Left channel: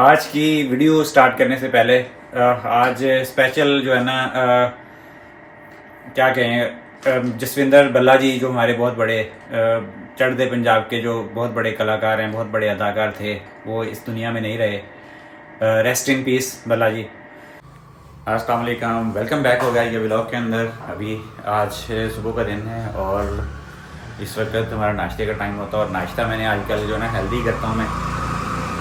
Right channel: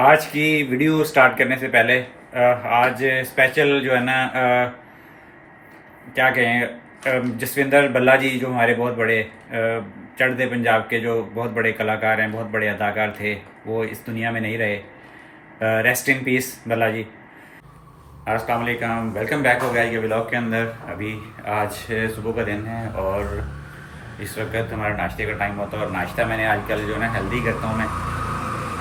आज की video start करने से पहले आज स्पेशल जो है ना क्या कहें, जसविंदर बल्ला जी जो हमारे बहुत बड़े चढ़ते पंजाब के जो बहुत बड़े कलाकार हैं, बहुत बड़े अदाकार थे, वो इस दुनिया में नहीं रहे। रेस्ट इन पीस बल्ला जी। अस्सलाम वालेकुम, वेलकम बैक हो गया ये व्लॉग के अंदर। अभी आज सुबह का दिन है और इस वक्त हमारा नाश्ते का टाइम होता है और नाश्ता मैंने आजकल जो है ना हेल्दी करता हूँ मैं।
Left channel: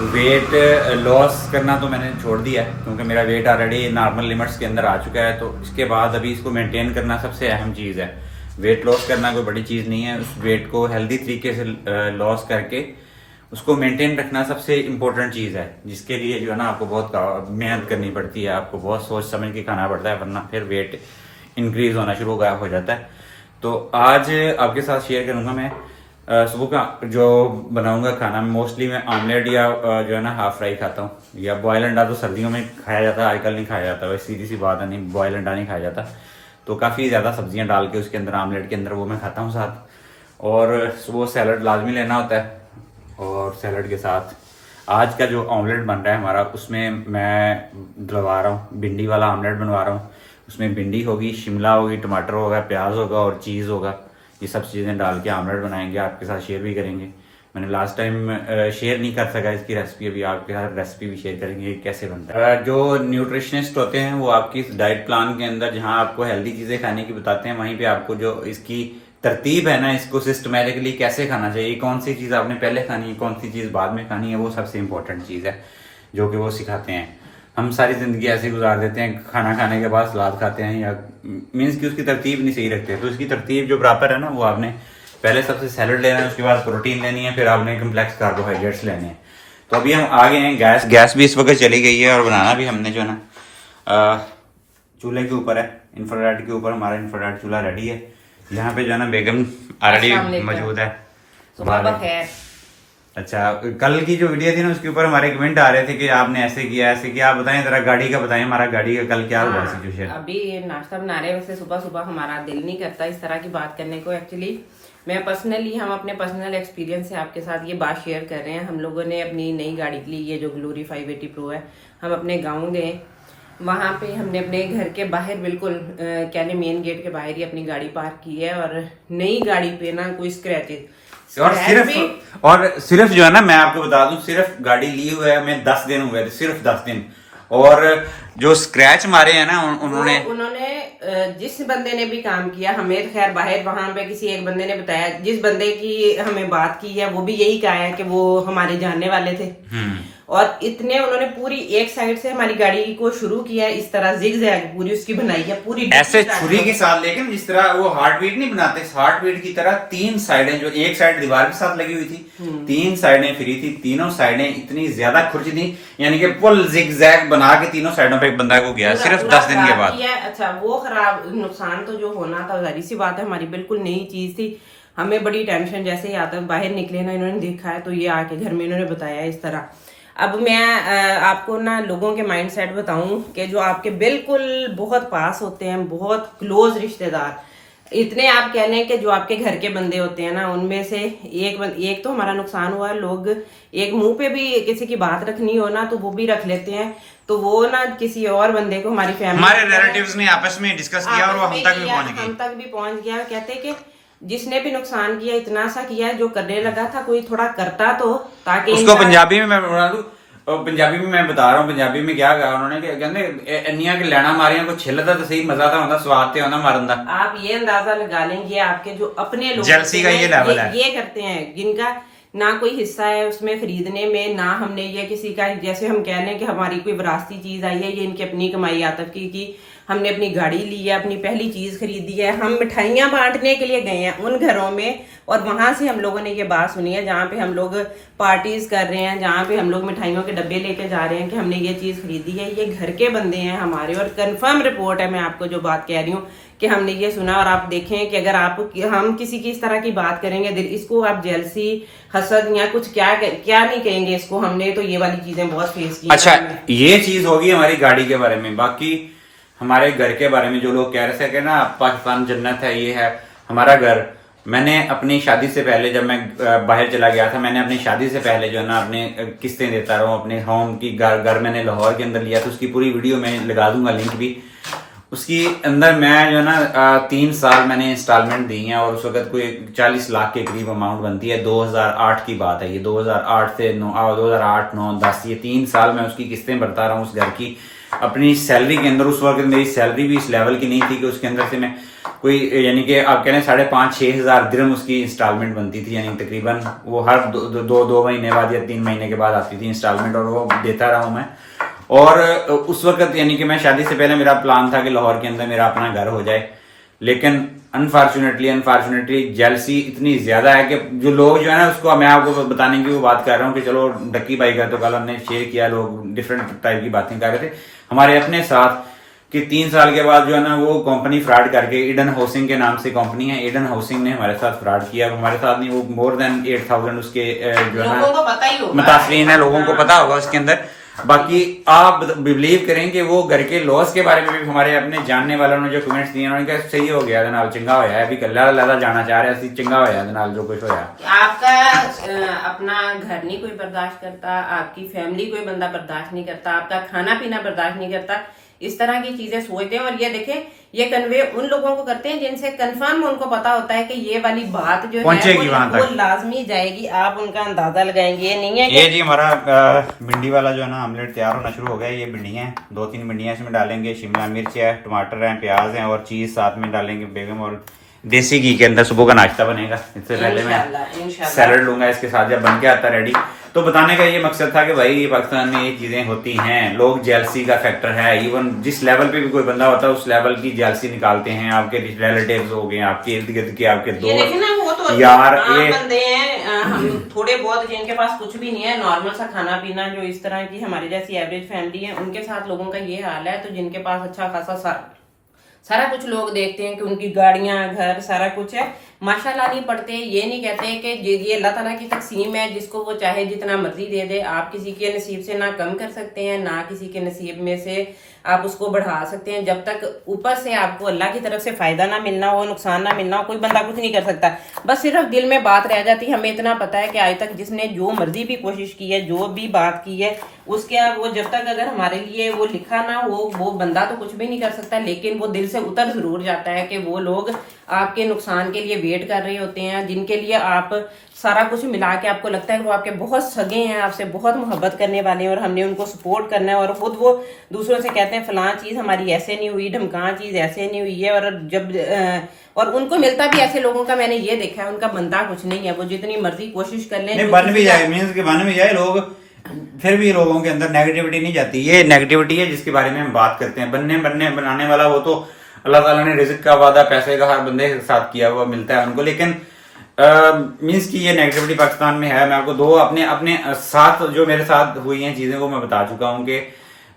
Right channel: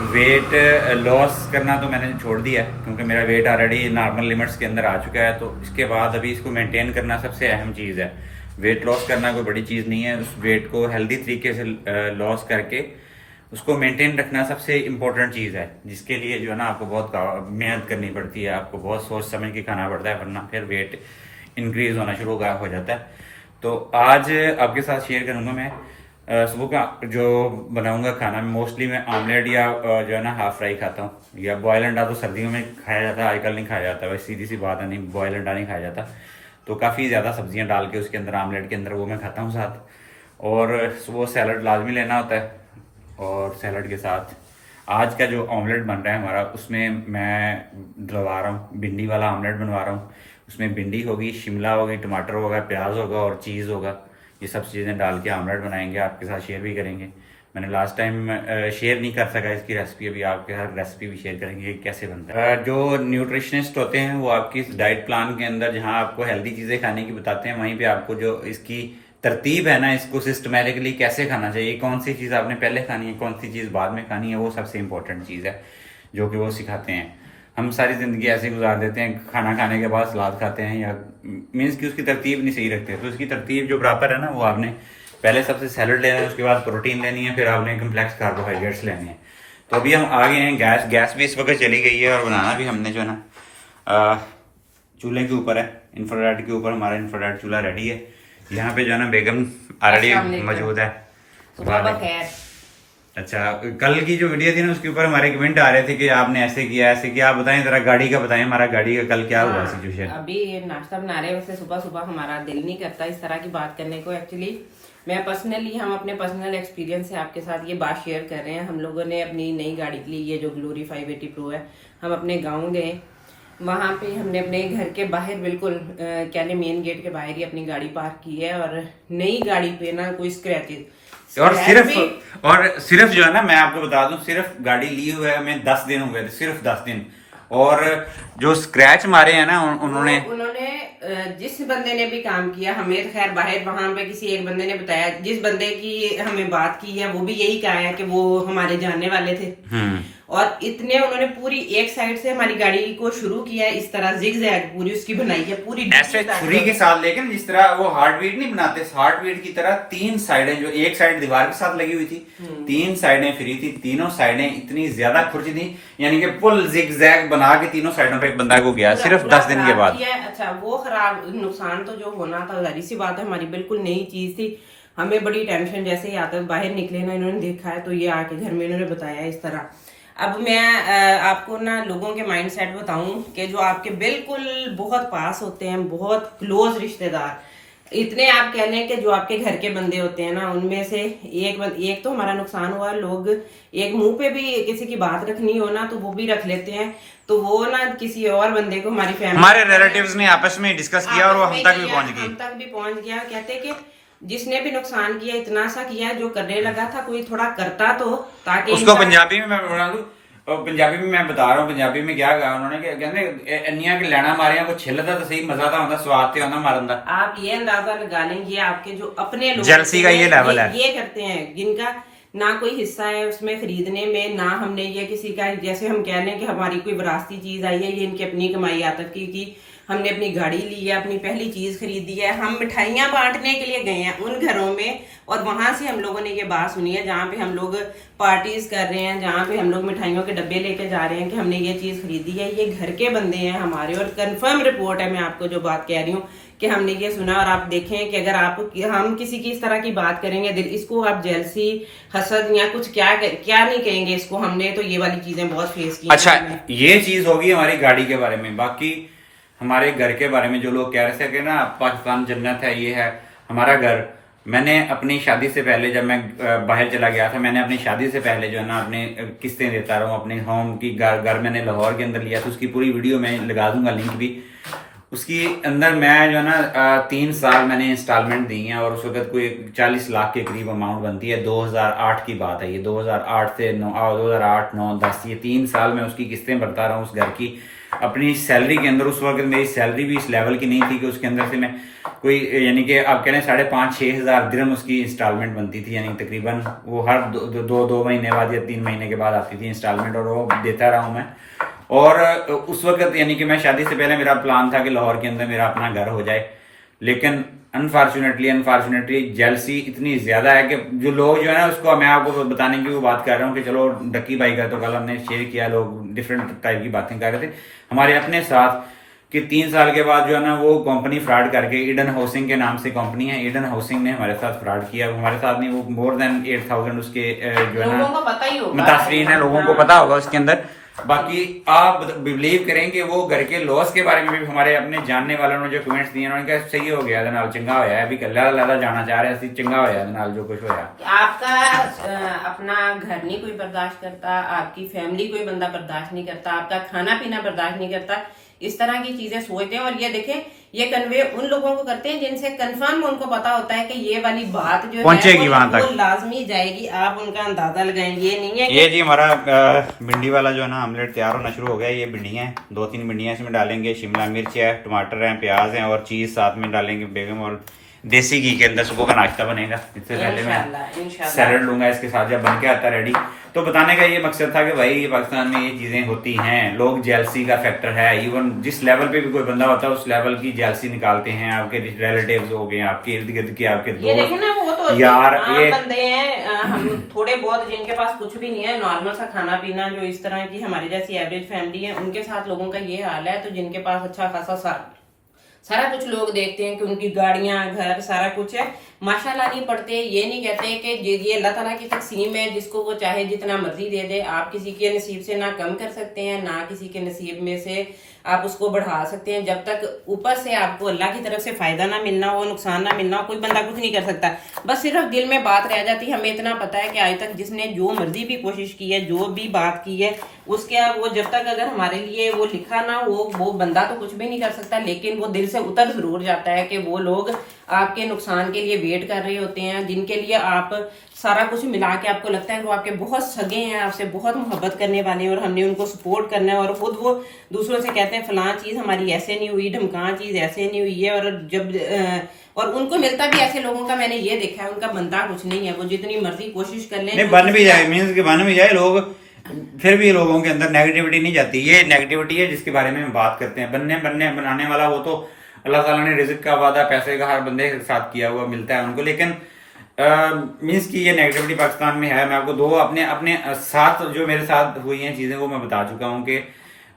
वेट लॉस करना तो मैंने छोड़ दिया है क्योंकि मेरा वेट ऑलरेडी नॉर्मल लिमिट्स के अंदर आ चुका है। तो इसके बाद अभी इसको मेंटेन करना सबसे अहम चीज़ है। वेट लॉस करना कोई बड़ी चीज़ नहीं है, उस वेट को हेल्दी तरीके से लॉस करके उसको मेंटेन रखना सबसे इम्पोर्टेंट चीज़ है, जिसके लिए जो है ना आपको बहुत मेहनत करनी पड़ती है, आपको बहुत सोच समझ के खाना पड़ता है, वरना फिर वेट इंक्रीज होना शुरू हो जाता है। तो आज आपके साथ शेयर करूँगा मैं सुबह का जो बनाऊंगा खाना। मोस्टली मैं आमलेट या जो है ना हाफ फ्राई खाता हूँ, या बॉयल अंडा तो सर्दियों में खाया जाता है, आजकल नहीं खाया जाता। वैसे सीधी सी बात है, नहीं बॉयल अंडा नहीं खाया जाता। तो काफ़ी ज़्यादा सब्जियां डाल के उसके अंदर आमलेट के अंदर वो मैं खाता हूँ साथ। और सुबह सैलड लाजमी लेना होता है। और सैलड के साथ आज का जो ऑमलेट बन रहा है हमारा, उसमें मैं डलवा रहा हूँ भिंडी वाला आमलेट बनवा रहा हूँ। उसमें भिंडी होगी, शिमला होगी, टमाटर होगा, प्याज होगा और चीज़ होगा। ये सब चीज़ें डाल के आमलेट बनाएंगे, आपके साथ शेयर भी करेंगे। मैंने लास्ट टाइम शेयर नहीं कर सका इसकी रेसिपी, अभी आपके साथ रेसिपी भी शेयर करेंगे कैसे बनता है। जो न्यूट्रिशनिस्ट होते हैं वो आपकी डाइट प्लान के अंदर जहां आपको हेल्दी चीज़ें खाने की बताते हैं, वहीं पे आपको जो इसकी तरतीब है ना, इसको सिस्टमेटिकली कैसे खाना चाहिए, कौन सी चीज़ आपने पहले खानी है, कौन सी चीज़ बाद में खानी है, वो सबसे इंपॉर्टेंट चीज़ है जो कि वो सिखाते हैं। हम सारी ज़िंदगी ऐसे गुजार देते हैं, खाना खाने के बाद सलाद खाते हैं, या मीन्स कि उसकी तरतीब नहीं सही रखते। तो उसकी तरतीब जो प्रॉपर है ना, वो आपने पहले सबसे सैलड लेना है, उसके बाद प्रोटीन लेनी है, फिर आपने कम्प्लेक्स कार्बोहाइड्रेट्स लेने हैं। तो अभी हम आ गए हैं, गैस भी इस वक्त चली गई है और बनाना भी हमने जो है ना चूल्हे के ऊपर है, इंफ्रारेड के ऊपर हमारा इंफ्रारेड चूल्हा रेडी है। यहाँ पे जो है ना बेगम ऑलरेडी मौजूद है। अच्छा, कल की जो वीडियो थी ना उसके ऊपर हमारे कमेंट आ रहे थे कि आपने ऐसे किया ऐसे किया। आप बताएं जरा, गाड़ी का बताएं, हमारा गाड़ी का कल क्या हुआ सिचुएशन। अभी नाश्ता बना रहे हैं, वैसे सुबह सुबह हमारा दिल नहीं करता इस तरह की बात करने को। एक्चुअली हम अपने पर्सनल एक्सपीरियंस से आपके साथ ये बात शेयर कर रहे हैं। हम लोगों ने अपनी नई गाड़ी के लिए, ये जो ग्लोरी 580 प्रो है, हम अपने गाँव गए। वहाँ पे हमने अपने घर के बाहर बिल्कुल कहने मेन गेट के बाहर ही अपनी गाड़ी पार्क की है। और नई गाड़ी पे ना कोई स्क्रैचेस और सिर्फ जो है ना, मैं आपको बता दूं, सिर्फ गाड़ी ली हुई है हमें 10 दिन हुए थे, सिर्फ 10 दिन। और जो स्क्रैच मारे हैं ना उन्होंने जिस बंदे ने भी काम किया, हमें खैर बाहर वहां पे किसी एक बंदे ने बताया, जिस बंदे की हमें बात की है वो भी यही कहा है कि वो हमारे जानने वाले थे। और इतने उन्होंने पूरी एक साइड से हमारी गाड़ी को शुरू किया है, इस तरह जिगजैग पूरी उसकी बनाई है, पूरी ऐसे छुरी के साथ। लेकिन जिस तरह वो हार्टबीट नहीं बनाते, हार्टबीट की तरह 3 साइडें, जो एक साइड दीवार के साथ लगी हुई थी, 3 साइडें फ्री थी, तीनों साइडें इतनी ज्यादा खुर्ची थी, यानी कि फुल जिगजैग बना के तीनों साइडों पे बंदा को गया सिर्फ 10 दिन के बाद। अच्छा, वो खराब नुकसान तो जो होना था जाहिर सी बात है, हमारी बिल्कुल नई चीज थी। हमें बड़ी टेंशन, जैसे ही आते बाहर निकले ना, इन्होंने देखा है तो ये आके घर में इन्होंने बताया इस तरह। अब मैं आपको ना लोगों के माइंडसेट बताऊं कि जो आपके बिल्कुल बहुत पास होते हैं, बहुत क्लोज रिश्तेदार, इतने आप कहने के जो आपके घर के बंदे होते हैं ना, उनमें से एक तो हमारा नुकसान हुआ। लोग एक मुंह पे भी किसी की बात रखनी हो ना तो वो भी रख लेते हैं। तो वो ना किसी और बंदे को, हमारी फैमिली, हमारे रिलेटिव्स ने आपस में डिस्कस किया और वो हम तक भी पहुंच गया। कहते कि जिसने भी नुकसान किया, इतना सा किया, जो करने लगा था कोई थोड़ा करता तो, ताकि उसको पंजाबी में मैं बता दूं, और पंजाबी में मैं बता रहा हूँ, पंजाबी में क्या कहा उन्होंने कि कहते इन्नियां के लैना मारियां को छिलदा तो सही, मजा तो होता, स्वाद तो होता मारन दा। आप ये अंदाजा लगा लेंगे, आपके जो अपने लोग जेलसी का ये लेवल है, ये करते हैं, जिनका ना कोई हिस्सा है उसमें खरीदने में, ना हमने ये किसी का, जैसे हम कह रहे हैं कि हमारी कोई विरासती चीज आई है, ये इनकी अपनी कमाई आतत की हमने अपनी गाड़ी ली है, अपनी पहली चीज खरीदी है। हम मिठाइयां बांटने के लिए गए हैं उन घरों में, और वहां से हम लोगों ने ये बात सुनी है जहाँ पे हम लोग पार्टीज कर रहे हैं, जहाँ पे हम लोग मिठाइयों के डब्बे लेके जा रहे हैं कि हमने ये चीज खरीदी है। ये घर के बंदे हैं हमारे, और कंफर्म रिपोर्ट है, मैं आपको जो बात कह रही हूँ कि हमने ये सुना। और आप देखें कि अगर हम किसी की इस तरह की बात करेंगे, इसको आप जेलसी, हसद या कुछ क्या नहीं कहेंगे इसको, हमने तो ये वाली चीजें बहुत फेस की। अच्छा, ये चीज होगी हमारी गाड़ी के बारे में। बाकी हमारे घर के बारे में जो लोग कह रहे थे कि ना पाकिस्तान जन्नत है, ये है हमारा घर, मैंने अपनी शादी से पहले जब मैं बाहर चला गया था, मैंने अपनी शादी से पहले जो है ना अपने किस्तें देता रहा हूँ अपने होम की। घर मैंने लाहौर के अंदर लिया था, उसकी पूरी वीडियो मैं लगा दूंगा लिंक भी। उसकी अंदर मैं जो है ना 3 साल मैंने इंस्टॉलमेंट दी हैं और उस वक्त कोई 40 लाख के करीब अमाउंट बनती है। 2008 की बात है ये, 2008 से 2008, 9, 10 ये 3 साल मैं उसकी किस्तें भरता रहा हूँ उस घर की अपनी सैलरी के अंदर। उस वक्त मेरी सैलरी भी इस लेवल की नहीं थी कि उसके अंदर से मैं कोई यानी कि आप कह रहे हैं 5,500-6 हज़ार दिरहम उसकी इंस्टॉलमेंट बनती थी, यानी तकरीबन वो हर दो महीने बाद या 3 महीने के बाद आती थी इंस्टॉलमेंट, और वो देता रहा हूँ मैं। और उस वक्त यानी कि मैं शादी से पहले मेरा प्लान था कि लाहौर के अंदर मेरा अपना घर हो जाए, लेकिन अनफॉर्चुनेटली जेलसी इतनी ज्यादा है कि जो लोग जो है ना, उसको मैं आपको बताने की वो बात कर रहा हूँ कि चलो डक्की भाई का तो कल हमने शेयर किया, लोग डिफरेंट टाइप की बातें कर रहे थे हमारे अपने साथ कि 3 साल के बाद जो है ना वो कंपनी फ्रॉड करके, ईडन हाउसिंग के नाम से कंपनी है, ईडन हाउसिंग ने हमारे साथ फ्रॉड किया। हमारे साथ नहीं, वो मोर देन 8,000 उसके जो है ना मुतासरीन है, लोगों को पता होगा उसके अंदर। बाकी आप बिलीव करें कि वो घर के लॉस के बारे में भी हमारे अपने जानने वालों ने जो कमेंट्स दिए, उन्होंने कहा सही हो गया नाल, चंगा होया अभी कल्ला लाला जाना चाह रहे सी, चंगा होया नाल जो कुछ होया। आपका अपना घर नहीं कोई बर्दाश्त करता, आपकी फैमिली कोई बंदा बर्दाश्त नहीं करता, आपका खाना पीना बर्दाश्त नहीं करता, इस तरह की चीजें सोचते हैं। और ये देखें, ये कन्वे उन लोगों को करते हैं जिनसे कंफर्म उनको पता होता है कि ये वाली बात जो है वो लाजमी जाएगी, आप उनका अंदाजा लगाएंगे। ये नहीं है ये जी हमारा भिंडी वाला जो है ना ऑमलेट तैयार होना शुरू हो गया। ये भिंडियाँ हैं, 2-3 भिंडियाँ इसमें डालेंगे, शिमला मिर्च है, टमाटर है, प्याज है और चीज साथ में डालेंगे बेगम, और देसी घी के अंदर सुबह का नाश्ता बनेगा। इससे पहले मैं सैलड लूंगा इसके साथ जब बन के आता रेडी। तो बताने का ये मकसद था कि भाई पाकिस्तान में ये चीजें होती हैं, लोग जेलसी का फैक्टर है, इवन जिस लेवल पे भी कोई बंदा होता है उस लेवल की जेलसी निकालते हैं। आपके रिलेटिव्स हो गए, आपके इर्द गिर्द के आपके दोस्त यार, ये बंदे हैं, हम थोड़े बहुत जिनके पास कुछ भी नहीं है, नॉर्मल सा खाना पीना, जो इस तरह की हमारे जैसी एवरेज फैमिली है, उनके साथ लोगों का ये हाल है। तो जिनके पास अच्छा खासा सारा कुछ लोग देखते हैं कि उनकी गाड़ियां, घर, सारा कुछ है, माशाल्लाह नहीं पढ़ते। ये नहीं कहते कि ये अल्लाह ताला की तकसीम है, जिसको वो चाहे जितना मर्जी दे दे। आप किसी के नसीब से ना कम कर सकते हैं, ना किसी के नसीब में से आप उसको बढ़ा सकते हैं। जब तक ऊपर से आपको अल्लाह की तरफ से फायदा ना मिलना हो, नुकसान ना मिलना हो, कोई बंदा कुछ नहीं कर सकता। बस सिर्फ दिल में बात रह जाती है। हमें इतना पता है कि आज तक जिसने जो मर्जी भी कोशिश की है, जो भी बात की है, उसके वो जब तक अगर हमारे लिए वो लिखा ना हो, वो बंदा तो कुछ भी नहीं कर सकता, लेकिन वो दिल से उतर जरूर जाता है कि वो लोग आपके नुकसान के लिए वेट कर रहे होते हैं, जिनके लिए आप सारा कुछ मिला के आपको लगता है वो आपके बहुत सगे हैं, आपसे बहुत मोहब्बत करने वाले हैं और हमने उनको सपोर्ट करना है। और खुद वो दूसरों से कहते हैं फलां चीज हमारी ऐसे नहीं हुई, ढमकां चीज ऐसे नहीं हुई है। और जब और उनको मिलता भी ऐसे लोगों का मैंने ये देखा है, उनका बनता कुछ नहीं है, वो जितनी मर्जी कोशिश कर ले, बन भी जाए, मीन्स के बन भी जाए लोग, फिर भी लोगों के अंदर नेगेटिविटी नहीं जाती। ये नेगेटिविटी है जिसके बारे में हम बात करते हैं। बनाने वाला वो तो अल्लाह ताला ने रिज़्क का वादा पैसे का हर बंदे के साथ किया हुआ मिलता है उनको, लेकिन मीन्स की ये नेगेटिविटी पाकिस्तान में है। मैं आपको दो अपने साथ जो मेरे साथ हुई हैं चीज़ें वो मैं बता चुका हूँ कि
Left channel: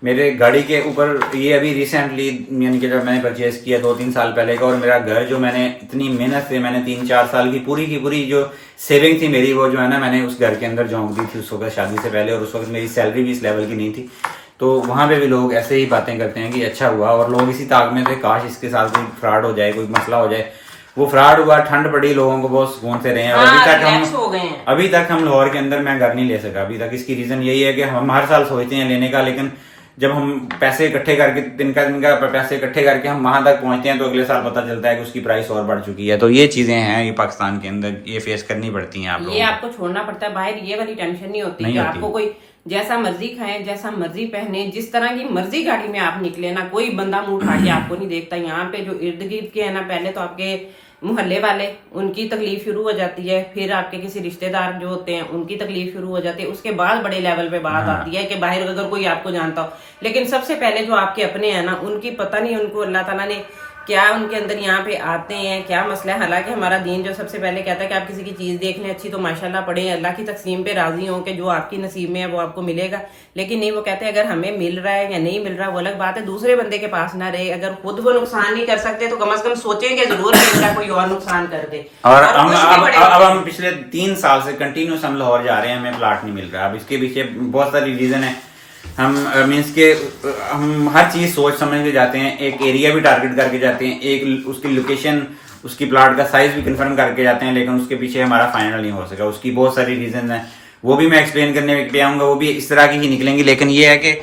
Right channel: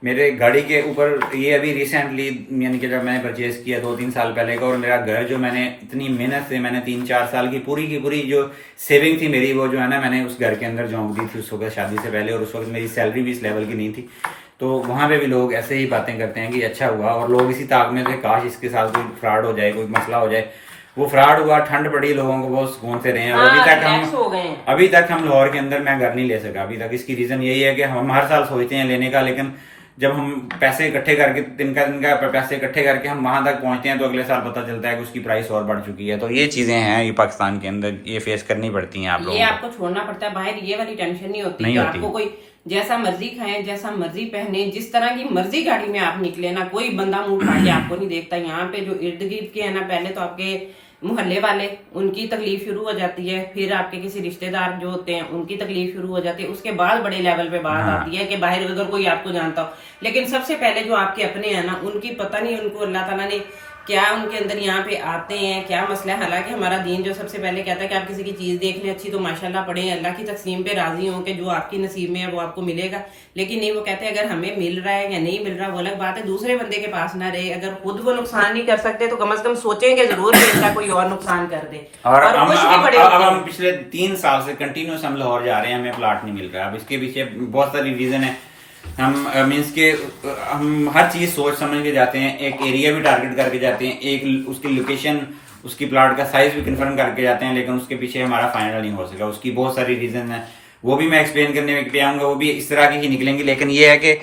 मेरे गाड़ी के ऊपर ये अभी रिसेंटली यानी कि जब मैंने परचेज किया 2-3 साल पहले का, और मेरा घर जो मैंने इतनी मेहनत से मैंने 3-4 साल की पूरी जो सेविंग थी मेरी, वो जो है ना मैंने उस घर के अंदर झोंक दी थी उस वक्त शादी से पहले, और उस वक्त मेरी सैलरी भी इस लेवल की नहीं थी। तो वहाँ पे भी लोग ऐसे ही बातें करते हैं कि अच्छा हुआ, और लोग इसी ताक में से काश इसके साथ कोई फ्रॉड हो जाए, कोई मसला हो जाए। वो फ्रॉड हुआ, ठंड पड़ी, लोगों को बहुत सुकून से रहे हैं। और अभी तक हम लाहौर के अंदर मैं घर नहीं ले सका अभी तक। इसकी रीजन यही है कि हम हर साल सोचते हैं लेने का, लेकिन जब हम पैसे इकट्ठे करके तिनका पैसे इकट्ठे करके हम वहां तक पहुंचते हैं तो अगले साल पता चलता है कि उसकी प्राइस और बढ़ चुकी है। तो ये चीजें हैं, ये पाकिस्तान के अंदर ये फेस करनी पड़ती हैं आप लोगों को। ये आपको छोड़ना पड़ता है, बाहर ये वाली टेंशन नहीं होती। आपको कोई जैसा मर्जी खाएं, जैसा मर्जी पहने, जिस तरह की मर्जी गाड़ी में आप निकले ना, कोई बंदा मुंह उठा के आपको नहीं देखता। यहाँ पे जो इर्द गिर्द के है ना, पहले तो आपके मोहल्ले वाले, उनकी तकलीफ शुरू हो जाती है, फिर आपके किसी रिश्तेदार जो होते हैं उनकी तकलीफ शुरू हो जाती है, उसके बाद बड़े लेवल पे बात आती है कि बाहर अगर कोई आपको जानता हो। लेकिन सबसे पहले जो आपके अपने हैं ना, उनकी पता नहीं उनको अल्लाह ताला ने क्या उनके अंदर यहाँ पे आते हैं, क्या मसला है। हालांकि हमारा दीन जो सबसे पहले कहता है कि आप किसी की चीज देख लें अच्छी तो माशाल्लाह पढ़े, अल्लाह की तकसीम पे राजी हो कि जो आपकी नसीब में है वो आपको मिलेगा। लेकिन नहीं, वो कहते हैं अगर हमें मिल रहा है या नहीं मिल रहा वो अलग बात है, दूसरे बंदे के पास ना रहे। अगर खुद वो नुकसान नहीं कर सकते तो कम से कम सोचेंगे जरूर कि इनका कोई और नुकसान कर दे। और अब हम पिछले 3 साल से कंटिन्यूस हम लाहौर जा रहे हैं, हमें प्लाट नहीं मिल रहा। अब इसके पीछे बहुत सारी रीजन है। हम मीन्स के हम हर चीज सोच समझ के जाते हैं, एक एरिया भी टारगेट करके जाते हैं, एक उसकी लोकेशन उसकी प्लाट का साइज भी कंफर्म करके जाते हैं, लेकिन उसके पीछे हमारा फाइनल नहीं हो सका। उसकी बहुत सारी रीजन है, वो भी मैं एक्सप्लेन करने पे आऊँगा, वो भी इस तरह की ही निकलेंगी। लेकिन ये है कि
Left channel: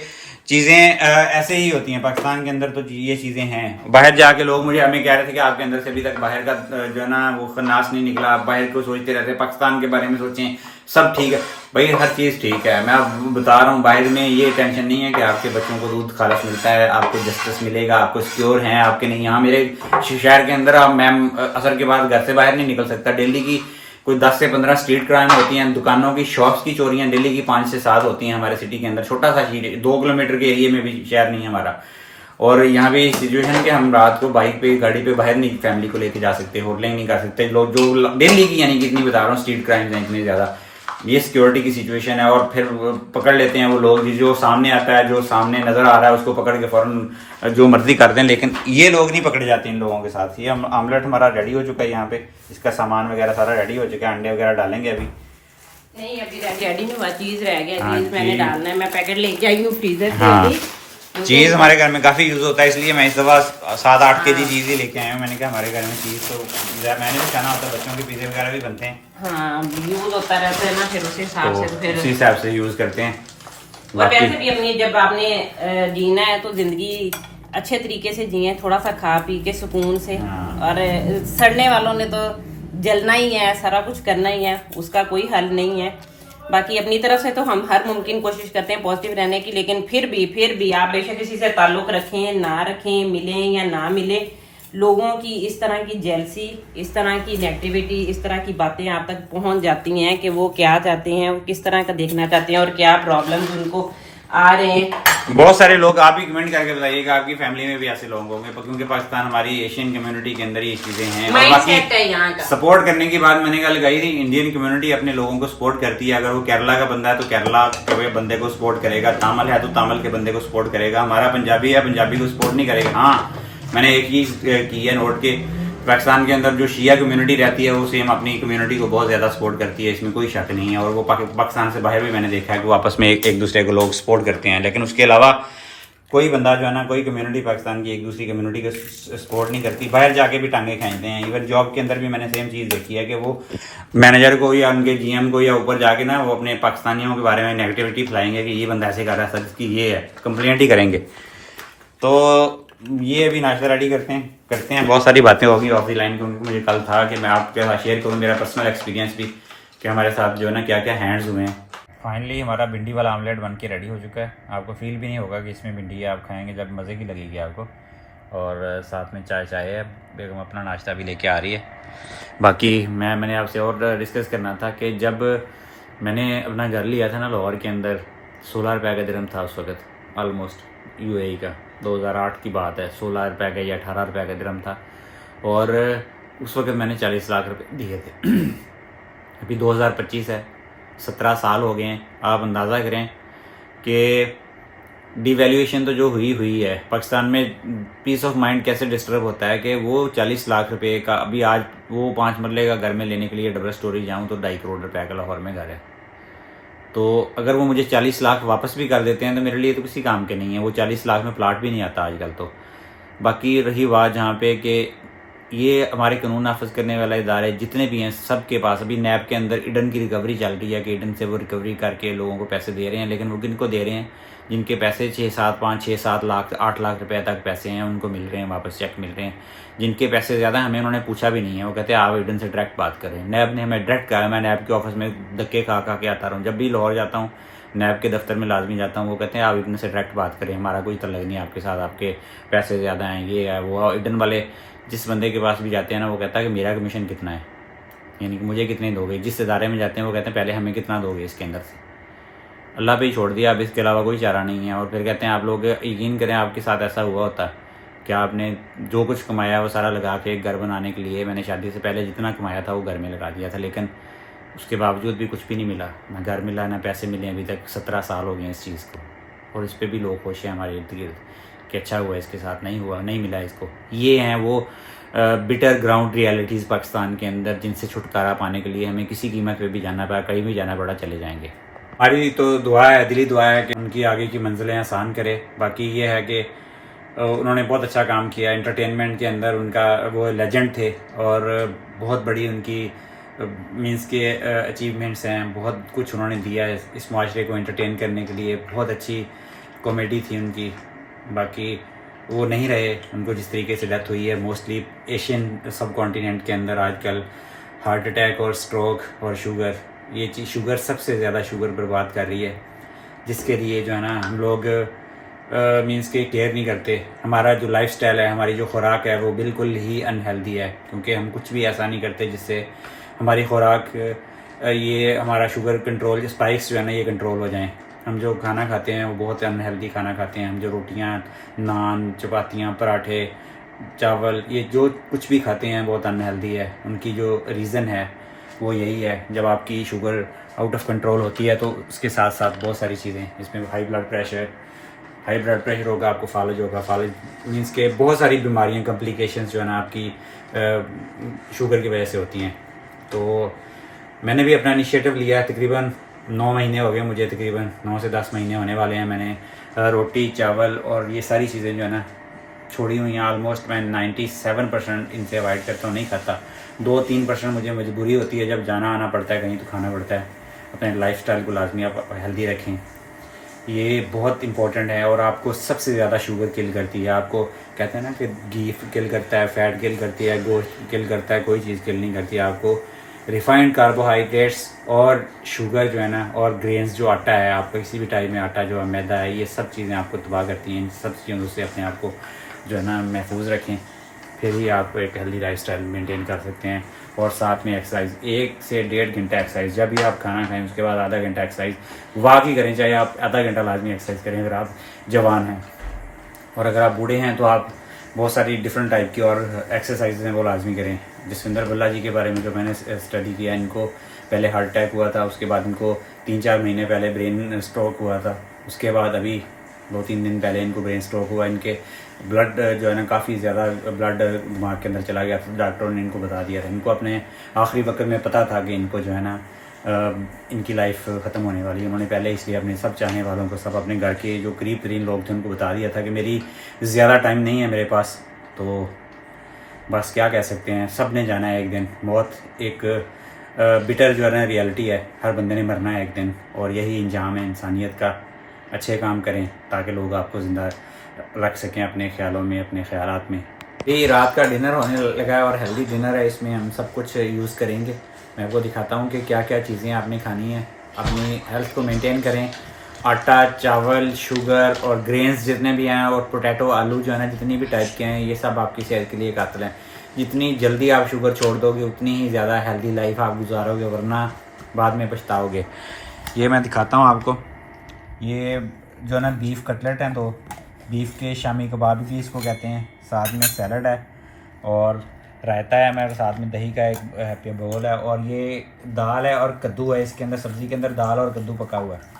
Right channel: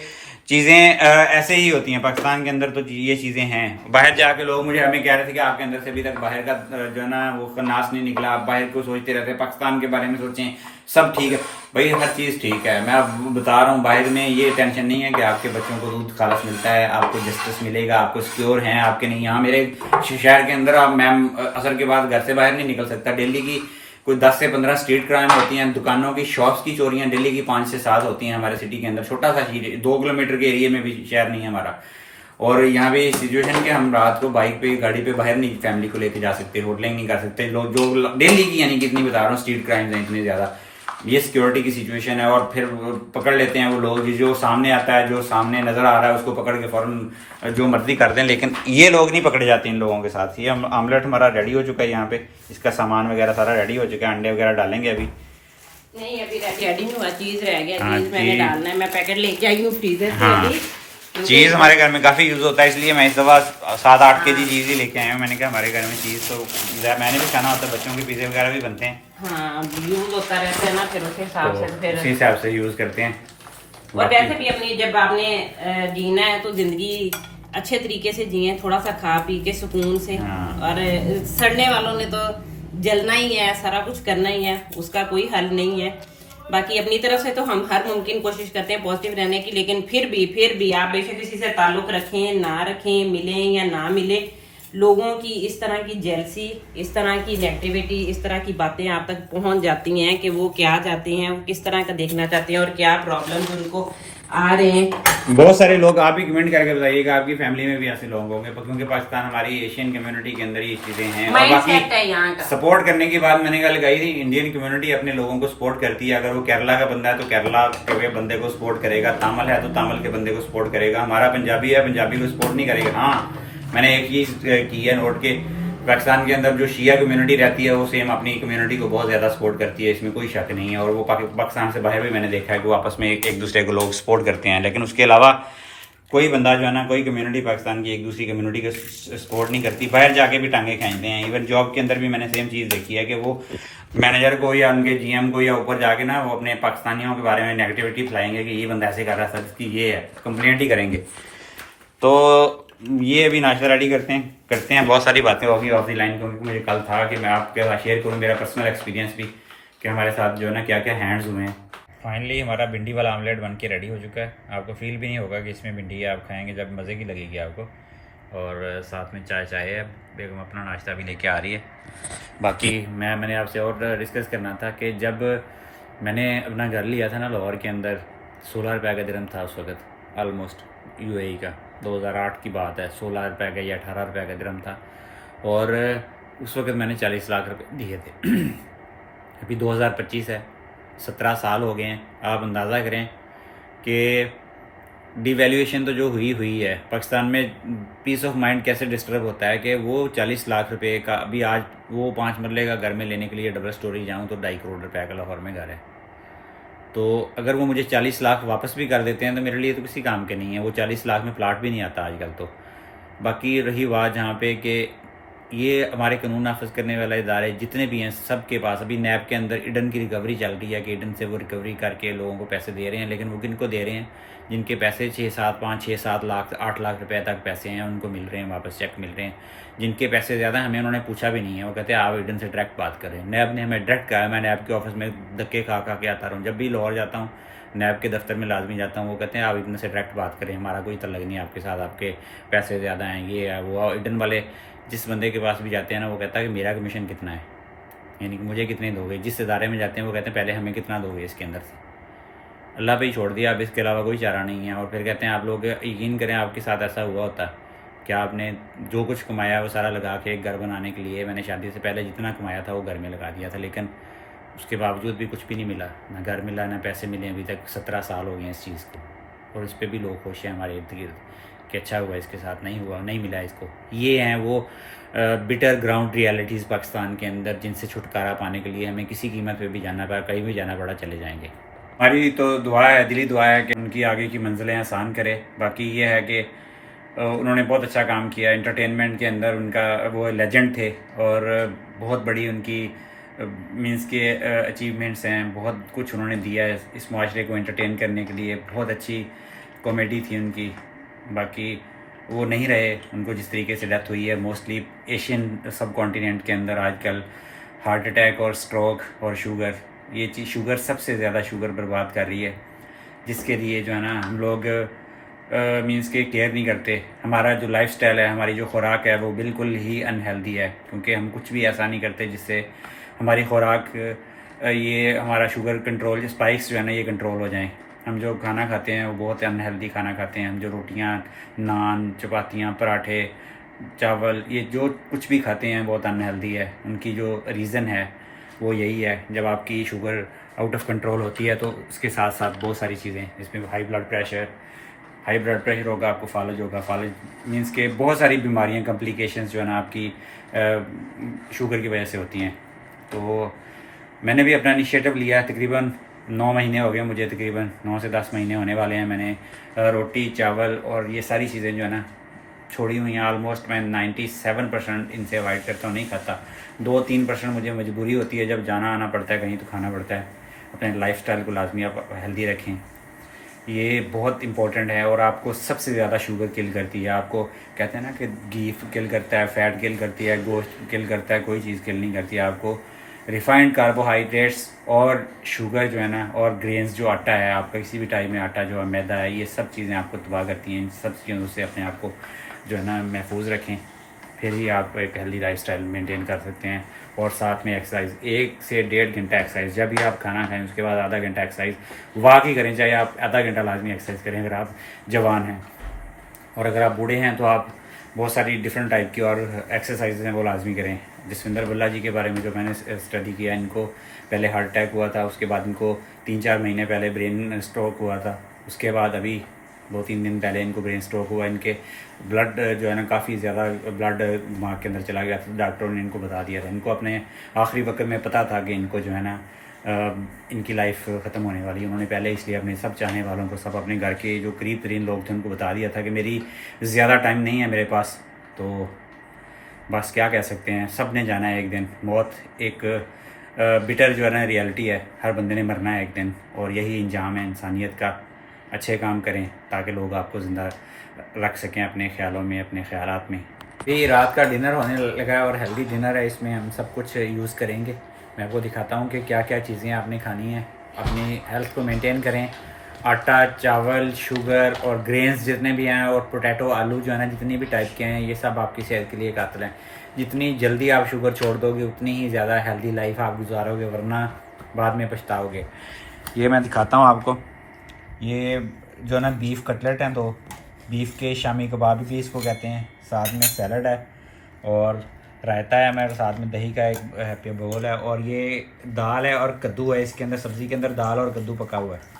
चीज़ें ऐसे ही होती हैं पाकिस्तान के अंदर, तो ये चीज़ें हैं। बाहर जाके लोग मुझे हमें कह रहे थे कि आपके अंदर से अभी तक बाहर का जो है ना वो खन्नास नहीं निकला, आप बाहर को सोचते रहते हैं, पाकिस्तान के बारे में सोचें, सब ठीक है भाई, हर चीज़ ठीक है। मैं अब बता रहा हूँ, बाहर में ये टेंशन नहीं है कि आपके बच्चों को दूध खालस मिलता है, आपको जस्टिस मिलेगा, आपको सिक्योर हैं, आपके नहीं। यहाँ मेरे शहर के अंदर आप मैम असर के बाद घर से बाहर नहीं निकल सकता। डेली की कोई 10 से 15 स्ट्रीट क्राइम होती हैं, दुकानों की, शॉप्स की चोरियां डेली की 5 से 7 होती हैं हमारे सिटी के अंदर। छोटा सा शहर, 2 किलोमीटर के एरिया में भी शहर नहीं है हमारा। और यहाँ पे सिचुएशन के हम रात को बाइक पे गाड़ी पे बाहर नहीं फैमिली को लेके जा सकते, होटलिंग नहीं कर सकते लोग, जो डेली की यानी कितनी बता रहा हूँ स्ट्रीट क्राइम्स हैं इतने ज़्यादा। ये सिक्योरिटी की सिचुएशन है। और फिर पकड़ लेते हैं वो लोग, जो सामने आता है, जो सामने नजर आ रहा है उसको पकड़ के फौरन जो मर्जी करते हैं। लेकिन ये लोग नहीं पकड़े जाते इन लोगों के साथ। ये आमलेट हमारा रेडी हो चुका है, यहाँ पे इसका सामान वगैरह सारा रेडी हो चुका है, अंडे वगैरह डालेंगे अभी। नहीं अभी रेडी नहीं हुआ, चीज रह गया, हाँ, चीज मैंने डालना है, मैं पैकेट लेके आई हूँ फ्रीजर से हाँ। अभी। चीज़ हमारे घर में काफ़ी यूज़ होता है, इसलिए मैं इस दफ़ा 7-8 केजी चीज़ ही लेके आया हूँ। मैंने कहा हमारे घर में चीज़ तो मैंने भी खाना होता है, बच्चों के पिज़्ज़े वगैरह भी बनते हैं, हाँ यूज होता रहता है ना, फिर उस हिसाब से तो फिर उसी हिसाब से यूज़ करते हैं। और वैसे भी अपनी जब आपने जीना है तो जिंदगी अच्छे तरीके से जिए, थोड़ा सा खा पी के सुकून से। हाँ। और सड़ने वालों ने तो जलना ही है, सारा कुछ करना ही है, उसका कोई हल नहीं है। बाकी अपनी तरफ से तो हम हर मुमकिन कोशिश करते हैं पॉजिटिव रहने की, लेकिन फिर भी आप बेशक किसी से ताल्लुक रखें ना रखें, मिलें या ना मिले, लोगों की इस तरह की जेलसी, इस तरह की नेगेटिविटी, इस तरह की बातें आप तक पहुंच जाती हैं कि वो क्या चाहते हैं, वो किस तरह का देखना चाहते हैं और क्या प्रॉब्लम्स उनको आ रहे हैं। बहुत सारे लोग आप ही कमेंट करके बताइएगा आपकी फैमिली में भी ऐसे लोग होंगे, क्योंकि पाकिस्तान हमारी एशियन कम्युनिटी के अंदर ये चीजें हैं। और माइंडसेट है यहाँ बाकी का। सपोर्ट करने की बात मैंने कल लगाई थी, इंडियन कम्युनिटी अपने लोगों को सपोर्ट करती है। अगर वो केरला का बंदा है तो केरला के बंदे को सपोर्ट करेगा, तामिल है तो तामिल के बंदे को सपोर्ट करेगा, हमारा पंजाबी है पंजाबी को सपोर्ट नहीं करेगा। हाँ मैंने एक चीज की है नोट के, पाकिस्तान के अंदर जो शिया कम्युनिटी रहती है वो सेम अपनी कम्युनिटी को बहुत ज़्यादा सपोर्ट करती है, इसमें कोई शक नहीं है। और वो पाकिस्तान से बाहर भी मैंने देखा है कि वो आपस में एक दूसरे को लोग सपोर्ट करते हैं। लेकिन उसके अलावा कोई बंदा जो है ना, कोई कम्युनिटी पाकिस्तान की एक दूसरी कम्युनिटी को सपोर्ट नहीं करती, बाहर जाके भी टांगे खींचते हैं। इवन जॉब के अंदर भी मैंने सेम चीज़ देखी है कि वो मैनेजर को या उनके GM को या ऊपर जाके ना वो अपने पाकिस्तानियों के बारे में नेगेटिविटी फैलाएंगे कि ये बंदा ऐसे कर रहा है, सर इसकी ये है, कंप्लेंट ही करेंगे। तो ये अभी नाश्ता रेडी करते हैं। बहुत सारी बातें होगी ऑफ द लाइन, क्योंकि मुझे कल था कि मैं आपके साथ शेयर करूँ मेरा पर्सनल एक्सपीरियंस भी कि हमारे साथ जो है ना क्या क्या हैंड्स हुए हैं। फाइनली हमारा भिंडी वाला आमलेट बन के रेडी हो चुका है। आपको फील भी नहीं होगा कि इसमें भिंडी है, आप खाएंगे जब मज़े की लगेगी आपको। और साथ में चाय है, बेगम अपना नाश्ता भी लेके आ रही है। बाकी मैंने आपसे और डिस्कस करना था कि जब मैंने अपना घर लिया था ना लाहौर के अंदर, 16 रुपये का दिरहम था उस वक्त, ऑलमोस्ट UAE का, 2008 की बात है। 16 रुपये का या 18 रुपये का दिरहम था, और उस वक्त मैंने 40 लाख रुपए दिए थे। अभी 2025 है, 17 साल हो गए हैं। आप अंदाज़ा करें कि डिवैल्यूएशन तो जो हुई है पाकिस्तान में, पीस ऑफ माइंड कैसे डिस्टर्ब होता है कि वो 40 लाख रुपए का, अभी आज वो 5 मरले का घर में लेने के लिए डबल स्टोरी जाऊँ तो 2.5 करोड़ रुपए का लाहौर में घर है। तो अगर वो मुझे 40 लाख वापस भी कर देते हैं तो मेरे लिए तो किसी काम के नहीं है। वो 40 लाख में प्लाट भी नहीं आता आजकल तो। बाकी रही बात जहाँ पे कि ये हमारे कानून नाफज करने वाले इदारे जितने भी हैं, सब के पास अभी नैब के अंदर ईडन की रिकवरी चल रही है कि ईडन से वो रिकवरी करके लोगों को पैसे दे रहे हैं। लेकिन वो किनको दे रहे हैं? जिनके पैसे 6-7 लाख 8 लाख रुपए तक पैसे हैं उनको मिल रहे हैं, वापस चेक मिल रहे हैं। जिनके पैसे ज़्यादा हमें उन्होंने पूछा भी नहीं है, वो कहते हैं आप ईडन से डायरेक्ट बात करें। नैब ने हमें डायरेक्ट कहा, मैं नैब के ऑफिस में धक्के खा के आता रहा हूँ। जब भी लाहौर जाता हूँ नैब के दफ्तर में लाजमी जाता हूँ, वो कहते हैं आप ईडन से डायरेक्ट बात करें, हमारा कोई तल्लक नहीं आपके साथ, आपके पैसे ज़्यादा हैं, ये है वो। ईडन वाले जिस बंदे के पास भी जाते हैं ना, वो कहता है कि मेरा कमीशन कितना है, यानी कि मुझे कितने दोगे। जिस इदारे में जाते हैं वो कहते हैं पहले हमें कितना दोगे इसके अंदर से। अल्लाह पे ही छोड़ दिया, अब इसके अलावा कोई चारा नहीं है। और फिर कहते हैं आप लोग यकीन करें आपके साथ ऐसा हुआ होता है कि आपने जो कुछ कमाया वो सारा लगा के एक घर बनाने के लिए, मैंने शादी से पहले जितना कमाया था वो घर में लगा दिया था, लेकिन उसके बावजूद भी कुछ भी नहीं मिला, ना घर मिला ना पैसे मिले। अभी तक 17 साल हो गए हैं इस चीज़ को, और इस पर भी लोग खुश हैं हमारे इर्द गिर्द कि अच्छा हुआ इसके साथ, नहीं हुआ नहीं मिला इसको। ये हैं वो बिटर ग्राउंड रियलिटीज़ पाकिस्तान के अंदर, जिनसे छुटकारा पाने के लिए हमें किसी कीमत पे भी जाना पड़ा, कहीं भी जाना पड़ा, चले जाएंगे। हमारी तो दुआ है, दिली दुआ है कि उनकी आगे की मंजिलें आसान करे। बाकी ये है कि उन्होंने बहुत अच्छा काम किया एंटरटेनमेंट के अंदर, उनका वो लेजेंड थे और बहुत बड़ी उनकी मींस के अचीवमेंट्स हैं, बहुत कुछ उन्होंने दिया है इस माशरे को एंटरटेन करने के लिए। बहुत अच्छी कॉमेडी थी उनकी। बाकी वो नहीं रहे, उनको जिस तरीके से डेथ हुई है, मोस्टली एशियन सब कॉन्टिनेंट के अंदर आजकल हार्ट अटैक और स्ट्रोक और शुगर, ये चीज़ शुगर सबसे ज़्यादा शुगर बर्बाद कर रही है, जिसके लिए जो है ना हम लोग मींस के केयर नहीं करते। हमारा जो लाइफस्टाइल है, हमारी जो खुराक है वो बिल्कुल ही अनहेल्दी है, क्योंकि हम कुछ भी ऐसा नहीं करते जिससे हमारी खुराक ये हमारा शुगर कंट्रोल, स्पाइक्स जो है ना ये कंट्रोल हो जाएं। हम जो खाना खाते हैं वो बहुत अनहेल्दी खाना खाते हैं। हम जो रोटियां, नान, चपातियां, पराठे, चावल, ये जो कुछ भी खाते हैं बहुत अनहेल्दी है। उनकी जो रीज़न है वो यही है, जब आपकी शुगर आउट ऑफ कंट्रोल होती है तो उसके साथ साथ बहुत सारी चीज़ें, इसमें हाई ब्लड प्रेशर होगा, आपको फालज होगा। फालज मीन्स के बहुत सारी बीमारियां, कॉम्प्लिकेशंस जो है ना आपकी शुगर की वजह से होती हैं। तो मैंने भी अपना इनिशिएटिव लिया, तकरीबन 9 महीने हो गए मुझे, तकरीबन 9 से 10 महीने होने वाले हैं। मैंने रोटी, चावल और ये सारी चीज़ें जो है ना छोड़ी हुई हैं। ऑलमोस्ट मैं 97% इनसे अवॉइड करता हूँ, नहीं खाता। 2-3% मुझे मजबूरी होती है, जब जाना आना पड़ता है कहीं तो खाना पड़ता है। अपने लाइफस्टाइल को लाजमी आप हेल्दी रखें, ये बहुत इंपॉर्टेंट है। और आपको सबसे ज़्यादा शुगर किल करती है। आपको कहते हैं ना कि घी किल करता है, फैट किल करती है, गोश्त किल करता है, कोई चीज़ किल नहीं करती है। आपको रिफाइंड कार्बोहाइड्रेट्स और शुगर जो है ना, और ग्रेन्स जो आटा है, आपका किसी भी टाइप में आटा जो है, मैदा है, ये सब चीज़ें आपको तबाह करती हैं। इन सब चीज़ों से अपने आप को जो है ना महफूज रखें, फिर ही आप एक हेल्दी लाइफस्टाइल मेंटेन कर सकते हैं। और साथ में एक्सरसाइज, 1 से 1.5 घंटा एक्सरसाइज। जब भी आप खाना खाएं उसके बाद आधा घंटा एक्सरसाइज वॉक ही करें, चाहे आप आधा घंटा लाजमी एक्सरसाइज करें अगर आप जवान हैं। और अगर आप बूढ़े हैं तो आप बहुत सारी डिफरेंट टाइप की और एक्सरसाइज हैं वो लाजमी करें। जसविंदर बल्ला जी के बारे में जो मैंने स्टडी किया, इनको पहले हार्ट अटैक हुआ था, उसके बाद इनको 3-4 महीने पहले ब्रेन स्ट्रोक हुआ था, उसके बाद अभी 2-3 दिन पहले इनको ब्रेन स्ट्रोक हुआ। इनके ब्लड जो है ना काफ़ी ज़्यादा ब्लड दिमाग के अंदर चला गया था, डॉक्टरों ने इनको बता दिया था। इनको अपने आखिरी वक्त में पता था कि इनको जो है ना इनकी लाइफ ख़त्म होने वाली है। उन्होंने पहले इसलिए अपने सब चाहने वालों को, सब अपने घर के जो करीब तरीन लोग थे उनको बता दिया था कि मेरी ज़्यादा टाइम नहीं है मेरे पास। तो बस क्या कह सकते हैं, सब ने जाना है एक दिन। मौत एक बिटर जो है ना रियलिटी है, हर बंदे ने मरना है एक दिन, और यही इंजाम है इंसानियत का। अच्छे काम करें ताकि लोग आपको ज़िंदा रख सकें अपने ख्यालों में, अपने ख्यालात में। ये रात का डिनर होने लगा है और हेल्दी डिनर है, इसमें हम सब कुछ यूज़ करेंगे। मैं आपको दिखाता हूँ कि क्या क्या चीज़ें आपने खानी है। अपनी हेल्थ को मेंटेन करें। आटा, चावल, शुगर और ग्रेन्स जितने भी हैं, और पोटैटो, आलू जो है ना, जितनी भी टाइप के हैं, ये सब आपकी सेहत के लिए कातिल हैं। जितनी जल्दी आप शुगर छोड़ दोगे उतनी ही ज़्यादा हेल्दी लाइफ आप गुजारोगे, वरना बाद में पछताओगे। ये मैं दिखाता हूँ आपको, ये जो है ना बीफ कटलेट हैं, तो बीफ के शामी कबाब भी इसको कहते हैं। साथ में सैलड है और रायता है हमारे, साथ में दही का एक हैप्पी बोल है, और ये दाल है और कद्दू है। इसके अंदर सब्ज़ी के अंदर दाल और कद्दू पका हुआ है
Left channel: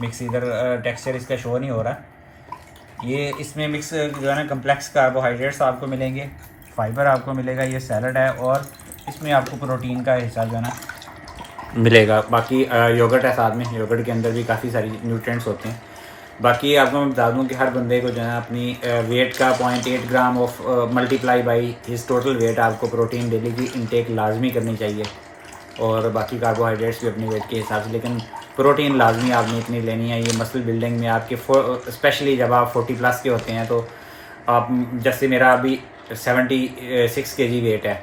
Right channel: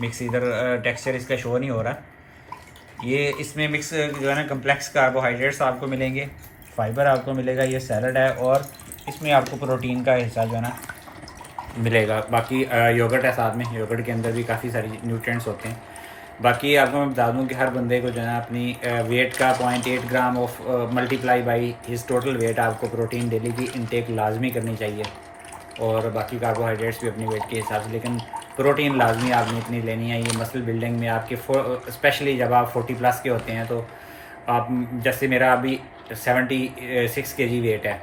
मिक्स। इधर टेक्सचर इसका शो नहीं हो रहा। ये इसमें मिक्स जो है ना कम्प्लेक्स कार्बोहाइड्रेट्स आपको मिलेंगे, फाइबर आपको मिलेगा। ये सैलड है और इसमें आपको प्रोटीन का हिस्सा जो है ना मिलेगा। बाकी योगर्ट है साथ में, योगर्ट के अंदर भी काफ़ी सारी न्यूट्रिएंट्स होते हैं। बाकी आपको मैं बता दूं कि हर बंदे को जो है ना अपनी वेट का 0.8 gram of multiply by his total weight आपको प्रोटीन डेली की इनटेक लाजमी करनी चाहिए। और बाकी कार्बोहाइड्रेट्स भी अपनी वेट के हिसाब से, लेकिन प्रोटीन लाजमी आपने इतनी लेनी है। ये मसल बिल्डिंग में आपके स्पेशली जब आप 40+ के होते हैं, तो आप, जैसे मेरा अभी 76 kg वेट है,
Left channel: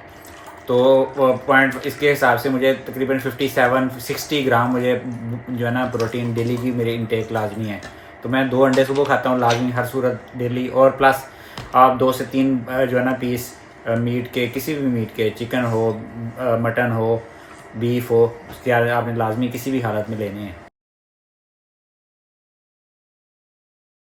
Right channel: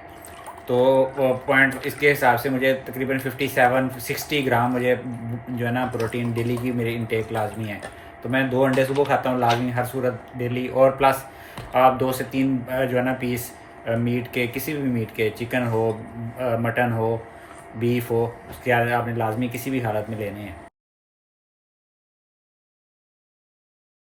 तो पॉइंट इसके हिसाब से मुझे तकरीबन 57-60 ग्राम मुझे जो है ना प्रोटीन डेली की मेरी इनटेक लाजमी है। तो मैं 2 अंडे सुबह खाता हूँ लाजमी हर सूरत डेली, और प्लस आप 2 से 3 जो है ना पीस मीट के, किसी भी मीट के, चिकन हो, मटन हो, बीफ हो, उसके आपने लाजमी किसी भी हालत में लेने हैं।